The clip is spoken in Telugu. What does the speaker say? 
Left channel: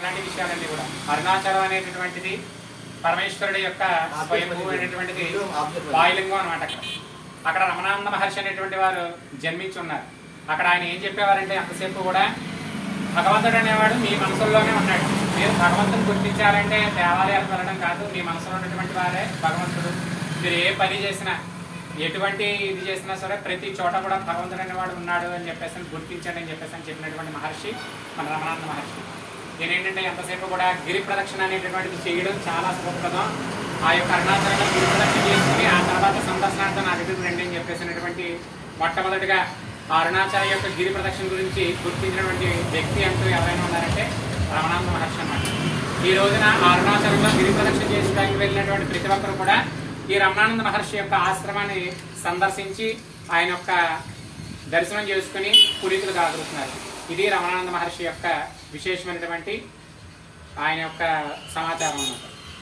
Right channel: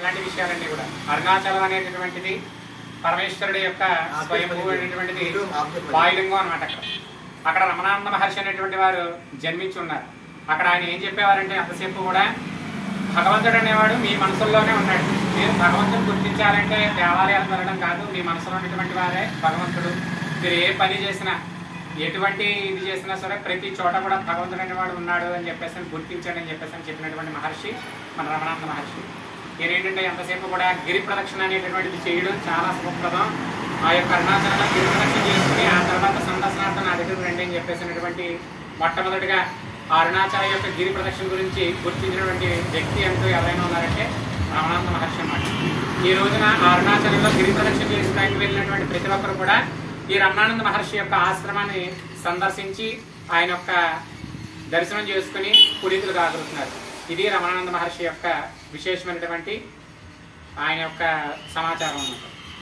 ఇలాంటి విషయాలన్నీ కూడా అరుణాచలం అనేటటువంటిది పరమేశ్వరుడి యొక్క స్వయంభూ అనేటువంటిది వాయులింగం అన్నమాట. అక్కడ రమణానంద మహర్షి అనేటువంటి వారు జన్మించి ఉన్నారు. అక్కడ ఆయన ఏం చెప్పేవారంటే అంతసేపు కూడా భగవంతుడు అనేవాడు మీ మనసుల్లోనే ఉన్నాడు. మీరు భగవంతుని గుర్తించాలంటే దేవాలయాలకు వెళ్ళడం కాదు, మీ మనసులో ఉన్నటువంటి వారే భగవంతుడు. మీరు ఏ పని చేసినా ఎటువంటి ఇది చేసినా సరే ప్రతి చోట కూడా భగవంతుడు అనేవాడు ఉన్నాడు అని చెప్పేసి గుర్తించాడు అని చెప్పేసి చెప్పినటువంటి మహర్షి మన రమణానంద మహర్షి. ఏంటంటే ఎంతసేపు కూడా గిరి ప్రదక్షిణ అనేటటువంటిది చేయడం చాలా శుభప్రదం. ఆ యొక్క అరుణాచలంలో గిరి ప్రదక్షిణ చేసుకుని ఆ తర్వాత సందర్శనార్థం నా దగ్గర రండి అని చెప్పేసినటువంటి మొట్టమొదటిగా అరుణాచలం యొక్క గిరి ప్రదక్షిణ గురించి గుర్తించినటువంటి వ్యక్తి అంటూ ఎవరైనా ఉన్నారంటే రమణానంద మహర్షి అన్నమాట. ఈ రోజున ఆ అరుణాచలంలో గిరి ప్రదక్షిణ చేయడానికి వెళ్ళినటువంటి ప్రతి ఒక్కరు కూడా ఈ రమణానంద మహర్షి యొక్క ఆశ్రమాన్ని సందర్శించి ఆయన యొక్క దర్శనం చేసుకుని పునీతులు కాగలుగుతున్నారు. ఇది రమణానంద మహర్షి యొక్క విశేషమైనటువంటి ఆయన యొక్క సమాచారం అన్నమాట.